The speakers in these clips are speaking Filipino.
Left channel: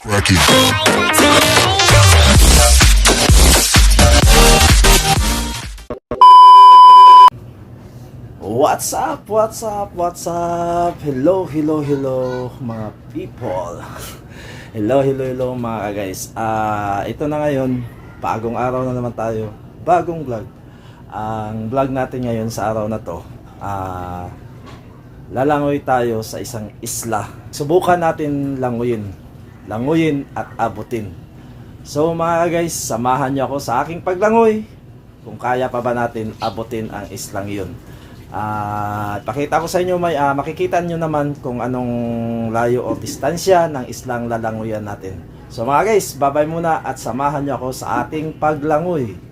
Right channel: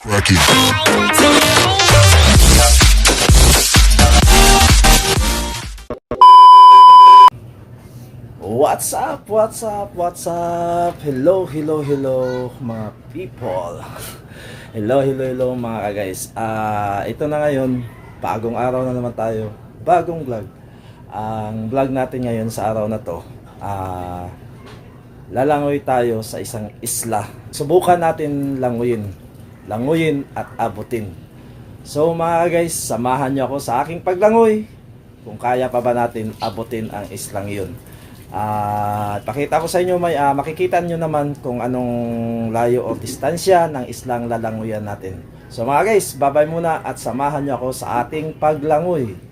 Crack it. What's up? What's up? What's up? Hello, hello, hello mga people. Hello, hello, hello mga guys. Ito na ngayon, bagong araw na naman tayo. Bagong vlog. Ang vlog natin ngayon sa araw na to, lalangoy tayo sa isang isla. Subukan natin languyin at abutin. So mga guys, samahan niyo ako sa aking paglangoy. Kung kaya pa ba natin abutin ang islang yun. Pakita ko sa inyo, makikita nyo naman kung anong layo o distansya ng islang lalanguyan natin. So mga guys, babay muna at samahan nyo ako sa ating paglangoy.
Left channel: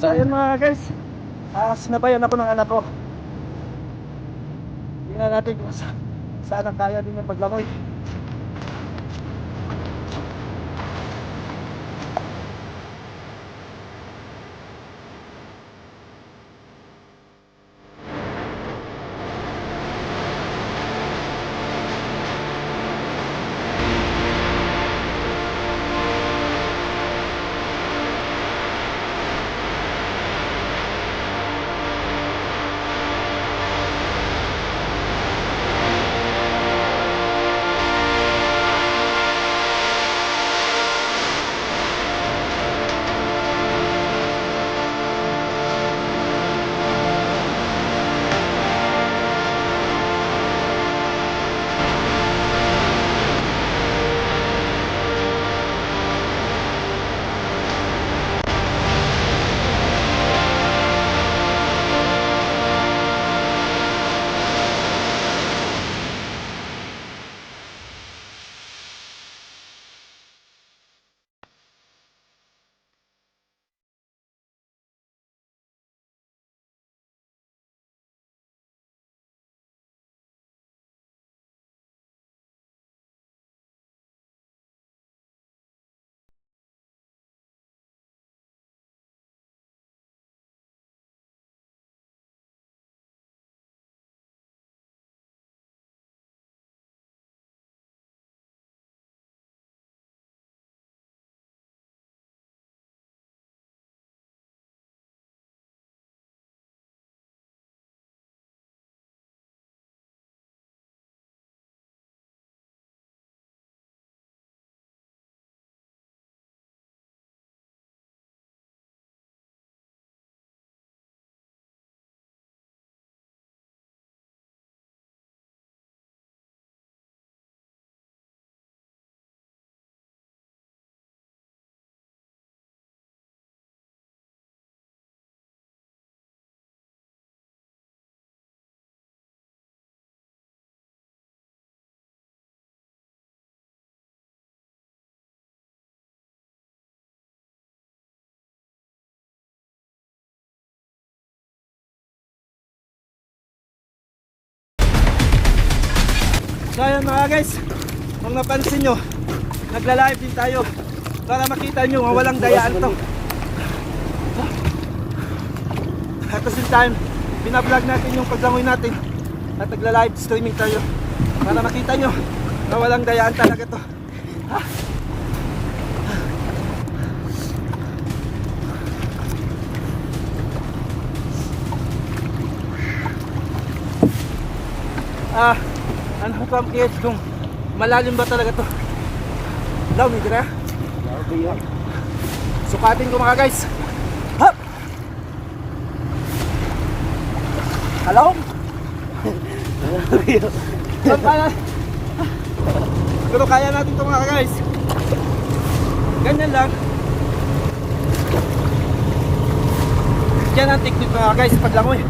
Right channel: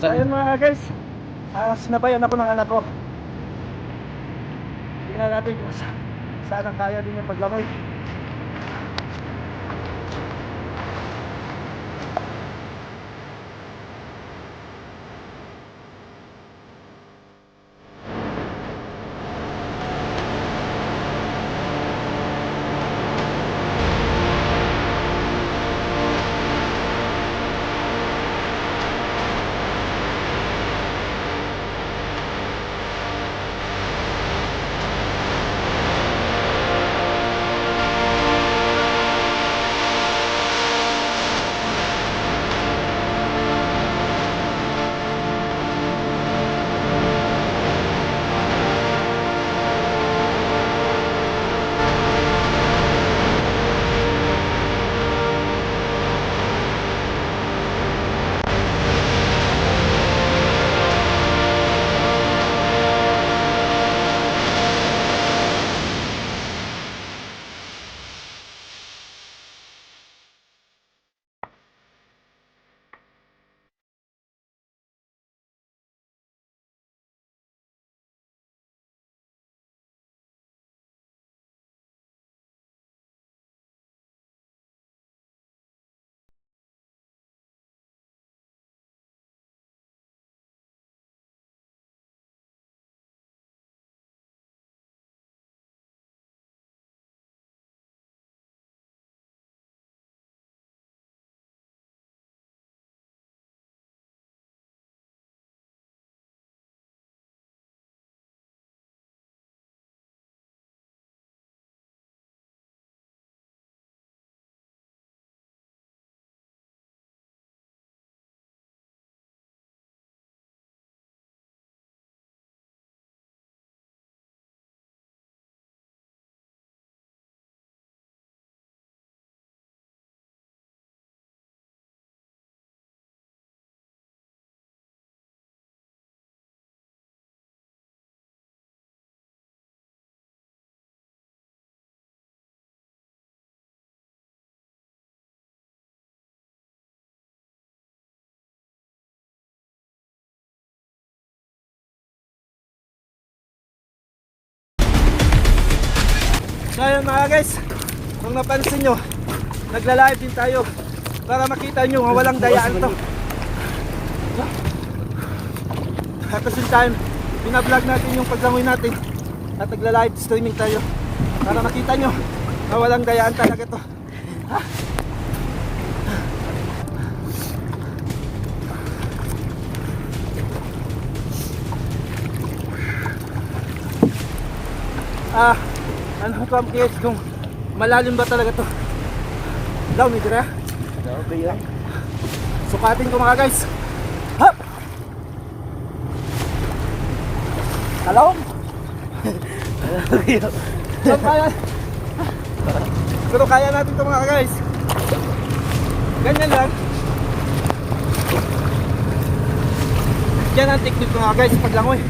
So ayun mga guys, sinabayan ako ng anak ko. Tingnan natin kung saan ang kaya din yung paglangoy. So ayun mga guys, kung napansin nyo, nagla-live din tayo para makita nyo nga walang dayaan to. At the same time, binablog natin yung paglangoy natin at nagla-live streaming tayo para makita nyo na walang dayaan talaga to. Ano ko guys kung malalim ba talaga to? Law ni dire. Sukatin ko mga guys. Hop. Hello? Pero kaya natin ito mga guys. Ganyan lang. Yan ang technique mga guys sa paglangoy.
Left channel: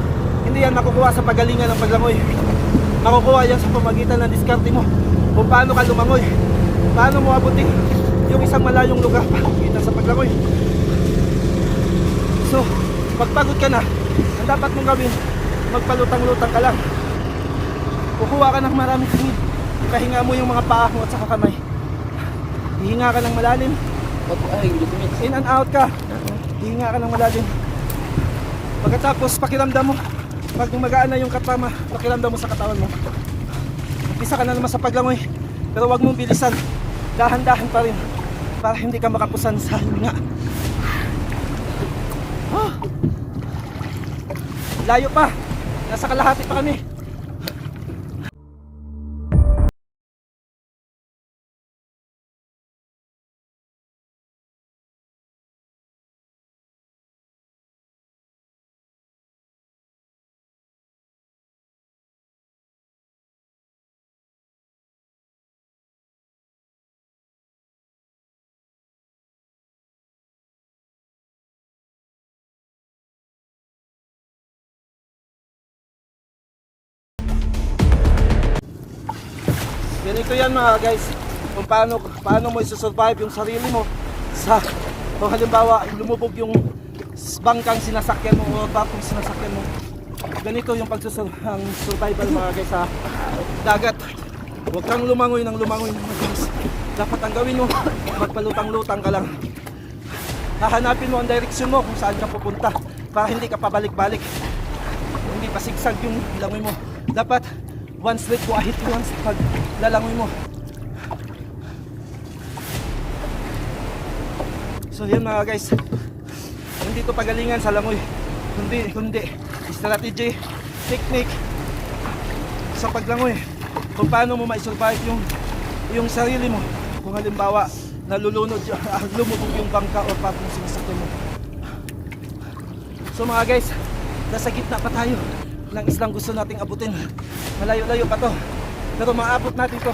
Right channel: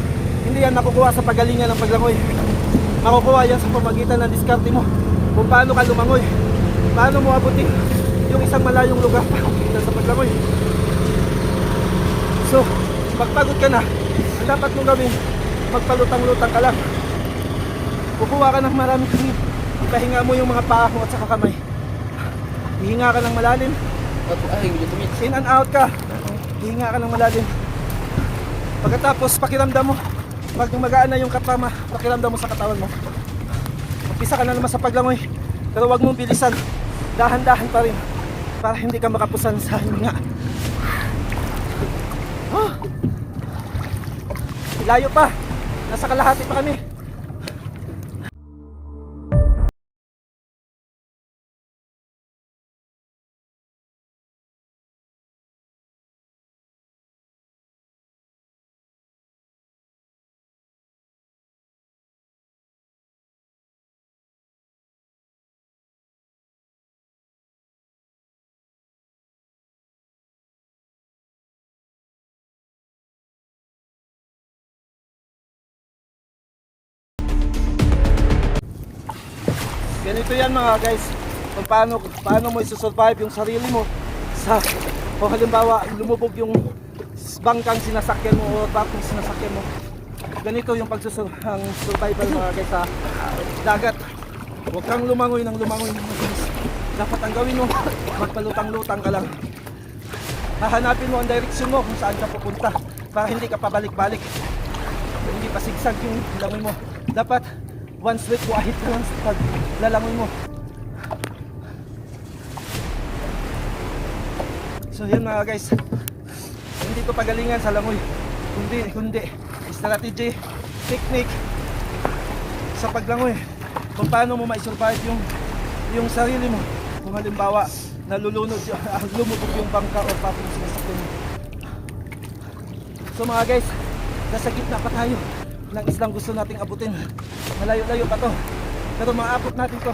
Hindi yan makukuha sa pagalingan ng paglangoy. Makukuha yan sa pamagitan ng diskarte mo kung paano ka lumangoy, paano mo abutin yung isang malayong lugar pagkita sa paglangoy. So, pagpagod ka na, ang dapat mong gawin, magpalutang-lutang ka lang. Kukuha ka ng maraming tingin, ipahinga mo yung mga paa mo at saka kamay. Hihinga ka ng malalim, in and out ka, hihinga ka ng malalim. Pagkatapos pakiramdam mo, pag magaan na yung katama, pakiramdam mo sa katawan mo. Umpisa ka na naman sa paglangoy, pero wag mong bilisan, dahan-dahan pa rin para hindi ka makapusan sa hininga. Layo pa, nasa kalahati pa kami. Ganito yan mga guys, kung paano mo isusurvive yung sarili mo sa, o halimbawa lumubog yung bangkang sinasakyan mo o barkong sinasakyan mo. Ganito yung survival mga guys sa dagat. Huwag kang lumangoy ng madalas. Dapat ang gawin mo, magpalutang-lutang ka lang. Hahanapin mo ang direksyon mo kung saan ka pupunta para hindi ka pabalik-balik, hindi pa sigsag yung langoy mo. Dapat one straight to ahit lang sa paglalangoy mo. So yan mga guys, hindi to pagalingan sa langoy, kundi strategy, technique sa paglangoy kung paano mo ma-survive yung sarili mo kung halimbawa nalulunod lumubog yung bangka o patong sinasakyan mo. So mga guys, nasa gitna pa tayo ng islang gusto nating abutin. Malayo-layo pa to, pero maabot natin to.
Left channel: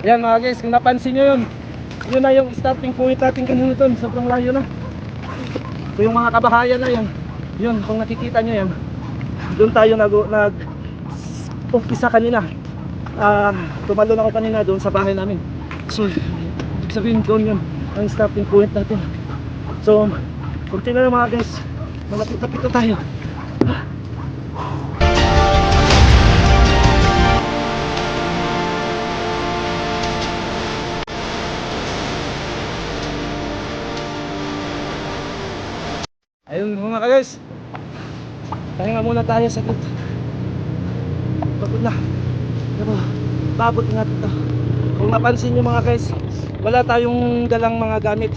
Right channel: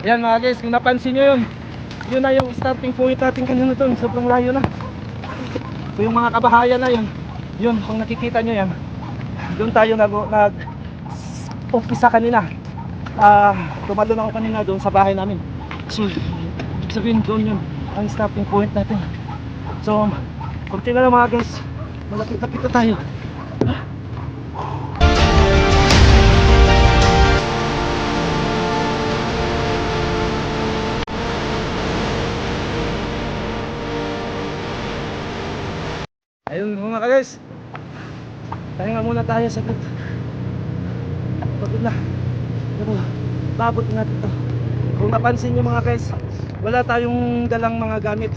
Yan mga guys, kung napansin nyo yun na yung starting point natin kanina to. Sobrang layo no. So yung mga kabahayan na yun kung nakikita nyo yan, doon tayo umpisa kanina. Tumalon ako kanina doon sa bahay namin. So, ibig sabihin doon yun ang stopping point natin. So, konti na lang mga guys. Malapit-lapit na tayo. Ayun mga guys, pahinga muna tayo sa saglit. Pagod na. Pero paabot natin to. Kung napansin nyo mga guys, wala tayong dalang mga gamit.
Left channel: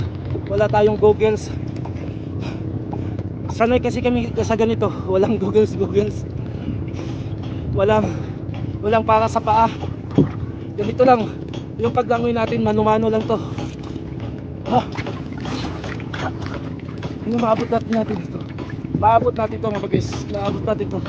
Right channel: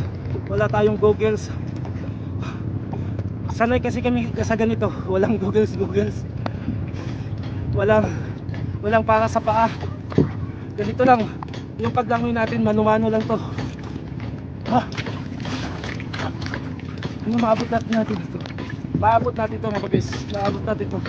Wala tayong goggles. Sanay kasi kami sa ganito. Walang goggles. Walang para sa paa. Ganito lang. Yung paglangoy natin, mano-mano lang to. Ano maabot natin ito? Maabot natin ito mga guys. Maabot natin ito.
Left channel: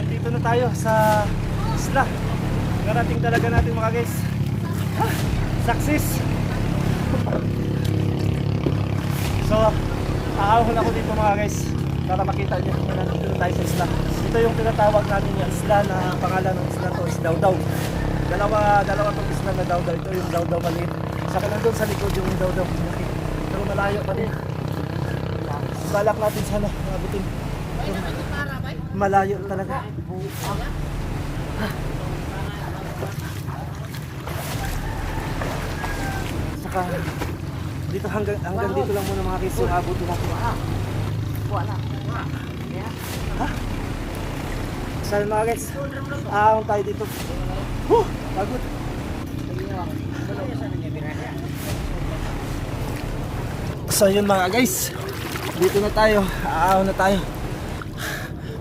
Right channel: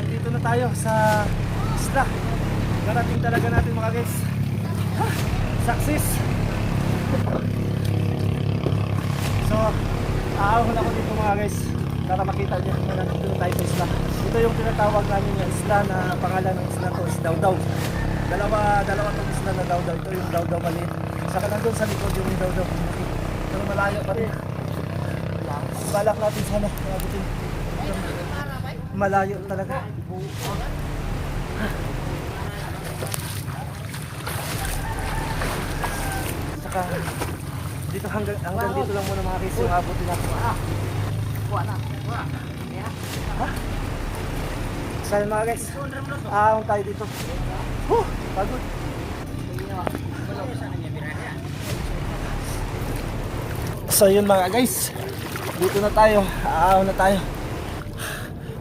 Dito na tayo sa isla. Narating talaga natin mga guys. Success. So, aahon ako dito mga guys para makita nyo na nandito na tayo sa isla. Ito yung tinatawag namin yung isla na pangalan ng isla to is Dawdaw. Dalawa tong isla na Dawdaw. Ito yung Dawdaw maliit. Saka nandun sa likod yung Dawdaw. Pero malayo pa rin. Balak natin sana mabutin. Malayo talaga. Saka dito hanggang dito lang muna mga guys yung abutin natin. Saan mga guys? Ahon tayo dito. Pagod. So yun mga guys, dito na tayo, aaw na tayo.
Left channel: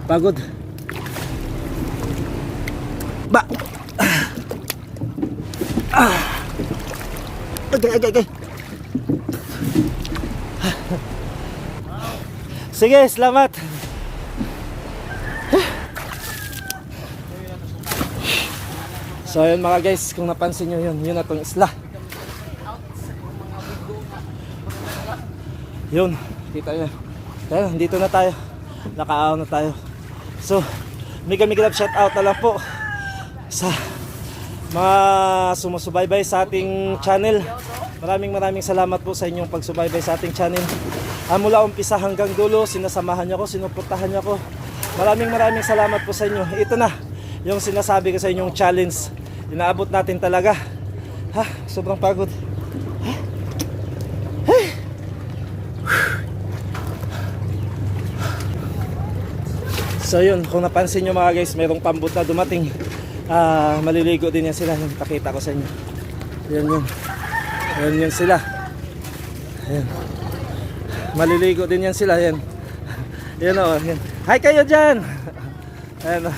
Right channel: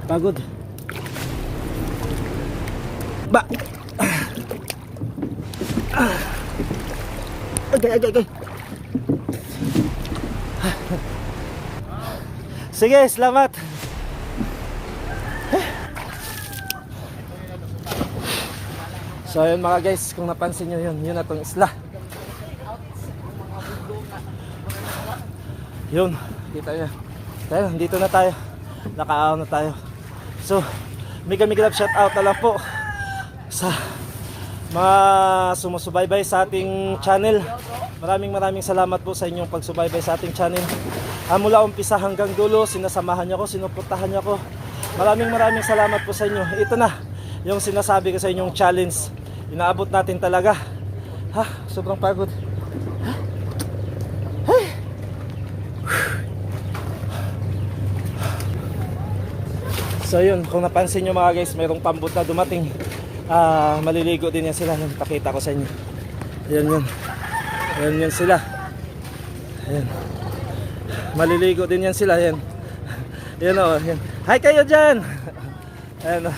Pagod. Ba. Agay. Sige, salamat. So yun mga guys, kung napansin nyo yun na tong isla. Yun, kita nyo. Tayo, dito na tayo. Nakaaw na tayo. So, mega love shout out na lang po sa mga sumusubaybay sa ating channel. Maraming salamat po sa inyong pagsubaybay sa ating channel. Mula umpisa hanggang dulo, sinasamahan niyo ako, sinuportahan niyo ako. Maraming salamat po sa inyo. Ito na yung sinasabi ko sa inyong challenge. Inaabot natin talaga. Sobrang pagod. So yun, kung napansin nyo mga guys, mayroong pambot na dumating. Maliligo din yan sila. Pakita ko sa inyo. Yan sila. Ayan. Maliligo din yan sila. Yan o. Yan. Hi kayo dyan. Ayan o.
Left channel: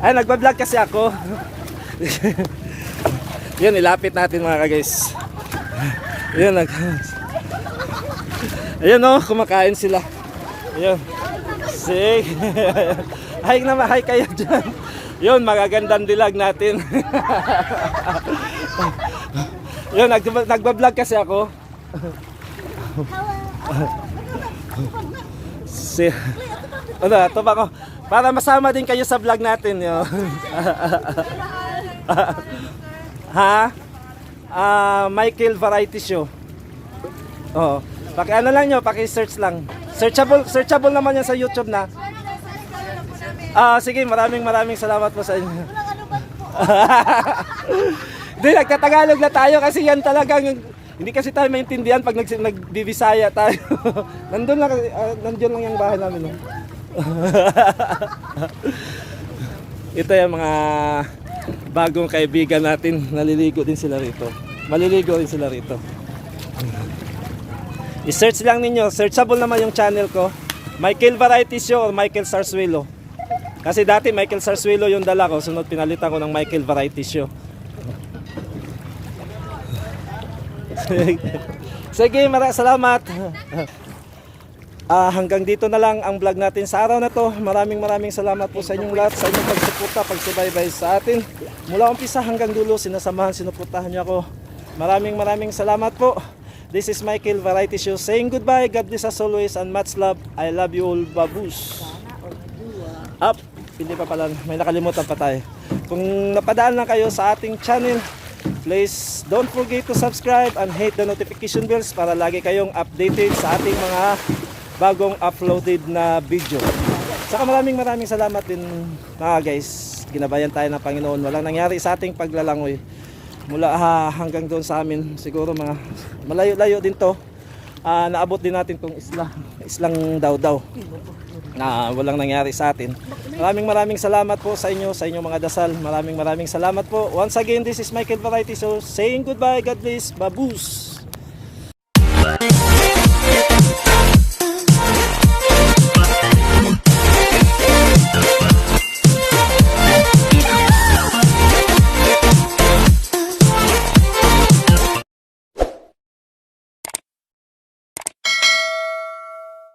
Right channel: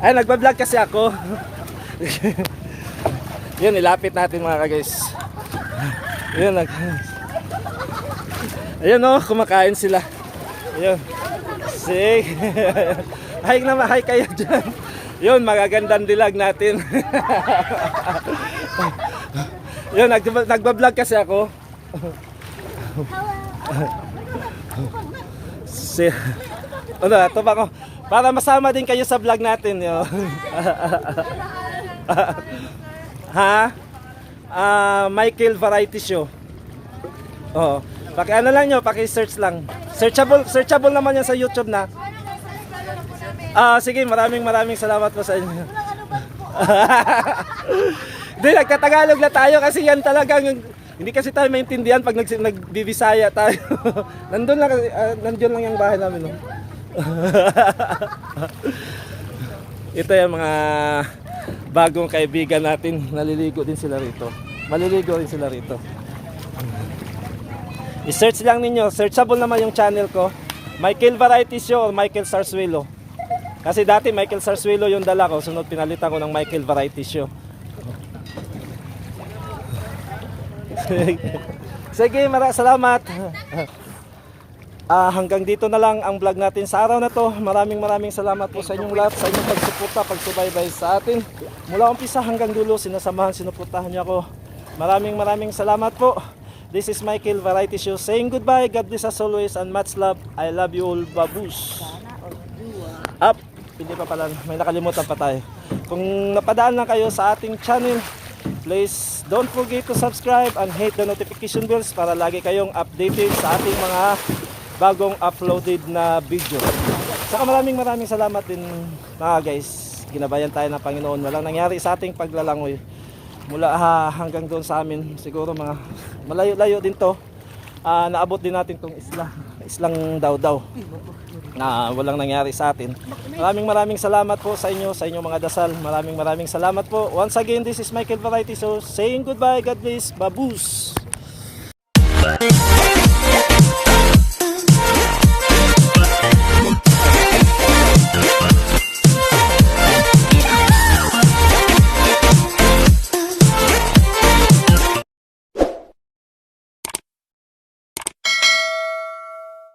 Ay, nagbablog kasi ako. Yun, ilapit natin mga guys. Ayan, ayan o, kumakain sila. Ayan. Sige. Hi kayo dyan. Yun, magagandang dilag natin. Yun, nagbablog kasi ako. Ano, ito ba ko? Para masama din kayo sa vlog natin. Yun. Michael Variety Show. Oo. Ano lang nyo, paki-search lang. Searchable naman yan sa YouTube na. Sige, maraming salamat po sa inyo. Hindi, nagtatagalog na tayo kasi yan talagang hindi kasi tayo maintindihan pag nagbibisaya tayo. Nandun lang yung bahay namin. No? Ito yung mga bagong kaibigan natin. Naliligo din sila rito. Maliligo din sila rito. I-search lang ninyo. Searchable naman yung channel ko. Michael Variety Show or Michael Sarsuelo. Kasi dati Michael Sarsuelo yung dala ko. Sunod pinalitan ko ng Michael Variety Show. Sige, salamat. Hanggang dito na lang ang vlog natin sa araw na to. Maraming salamat po sa inyong lahat, sa inyong pagsuporta, pagsubaybay sa atin. Mula umpisa hanggang dulo, sinasamahan, sinuportahan niyo ako. Maraming salamat po. This is Michael Variety Show saying goodbye. God bless as always and much love. I love you all, baboos. Up. Hindi pa pala, may nakalimutan pa tayo. Kung napadaan lang kayo sa ating channel, please don't forget to subscribe and hit the notification bells para lagi kayong updated sa ating mga bagong uploaded na video. Saka maraming salamat din mga guys. Ginabayan tayo ng Panginoon. Walang nangyari sa ating paglalangoy. Mula hanggang doon sa amin, siguro mga malayo-layo din to. Naabot din natin tong islang daw na walang nangyari sa atin. Maraming salamat po sa inyo, sa inyong mga dasal. Maraming salamat po. Once again, this is Michael Variety Show saying goodbye. God bless. Baboos.